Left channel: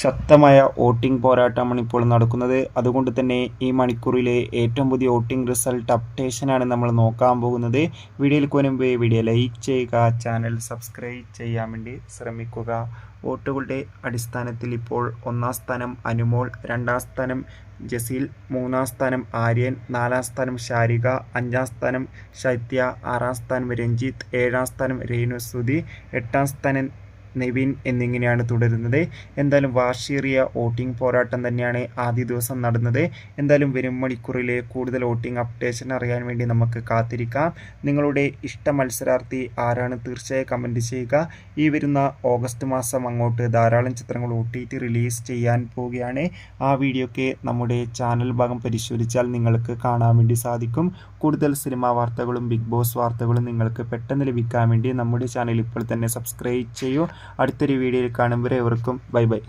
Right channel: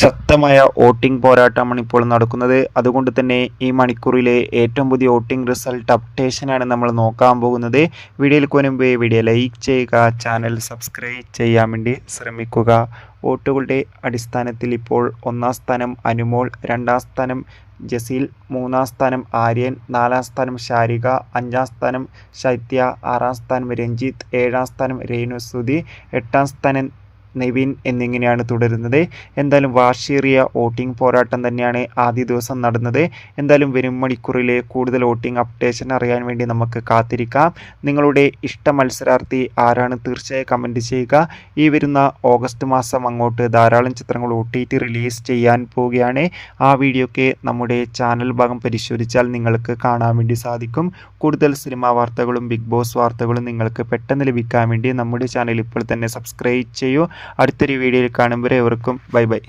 ശക്തമായ വോട്ടിംഗ് പോരാട്ടമാണ് ഇപ്പോൾ നടക്കുന്നത്. അതുകൊണ്ട് തന്നെ ഈ മണിക്കൂറിലെ ഏറ്റവും പുതിയ വോട്ടിംഗ് റിസൾട്ട് അപ്ഡേഷനാണ് നമ്മൾ നോക്കാൻ പോകുന്നത്. വീഡിയോയിൽ മുൻപ് വീഡിയോ ലൈക്ക് ചെയ്യുക, ചാനൽ സബ്സ്ക്രൈബ് ചെയ്യാൻ വേണ്ടി ശ്രമിക്കുക. വോട്ടുകളുടെ അടിസ്ഥാനത്തിൽ ഇപ്പോൾ 1-ാം സ്ഥാനം അനുമോൾ, 2-ാം സ്ഥാനം ജസീൽ, 3-ാം സ്ഥാനം ആര്യൻ, 4-ാം സ്ഥാനം ഷാരിക, 5-ാം സ്ഥാനം ശൈത്യ, 6-ാം സ്ഥാനം രഞ്ജിത്ത്, 7-ാം സ്ഥാനം രേണുസുതി, 8-ാം സ്ഥാനം നിവിൻ എന്നിങ്ങനെയാണ് തുടരുന്നത്. എന്തായാലും വാശിയേറിയ വോട്ടിംഗ് പോരാട്ടം തന്നെയാണ് ആദ്യ ദിവസം നടന്നത്. എന്തായാലും വരും മണിക്കൂറിലെ കൂടുതൽ വോട്ടിംഗ് അപ്ഡേഷൻ അറിയാൻ വേണ്ടി നമുക്ക് കാത്തിരിക്കാം. നിങ്ങളുടെ ഇഷ്ട മത്സരാർത്ഥി ആരാണ് തീർച്ചയായും കമൻറ്റ് ചെയ്യുക. ഈ വരുന്ന ഓഗസ്റ്റ് മാസം അങ്ങോട്ട് ധാരാളം ചിത്രങ്ങൾ OTT റിലീസ് ചെയ്യാൻ പോവുകയാണ്. ആ വീഡിയോയ്ക്ക് നമ്മുടെ ചാനൽ ഭാഗം പരിശോധിച്ചാൽ നിങ്ങൾക്ക് കാണാൻ വേണ്ടി സാധിക്കും. കൂടുതൽ സിനിമാ വാർത്തകളും ബിഗ് ബോസ് വാർത്തകളും നിങ്ങൾക്ക് പെട്ടെന്ന് ലഭിക്കാൻ വേണ്ടി നമ്മുടെ ചാനൽ ഇപ്പോൾ തന്നെ സബ്സ്ക്രൈബ് ചെയ്യൂ. അടുത്തൊരു വീഡിയോയിൽ കാണുമ്പോൾ ഏവർക്കും ബൈ ബൈ.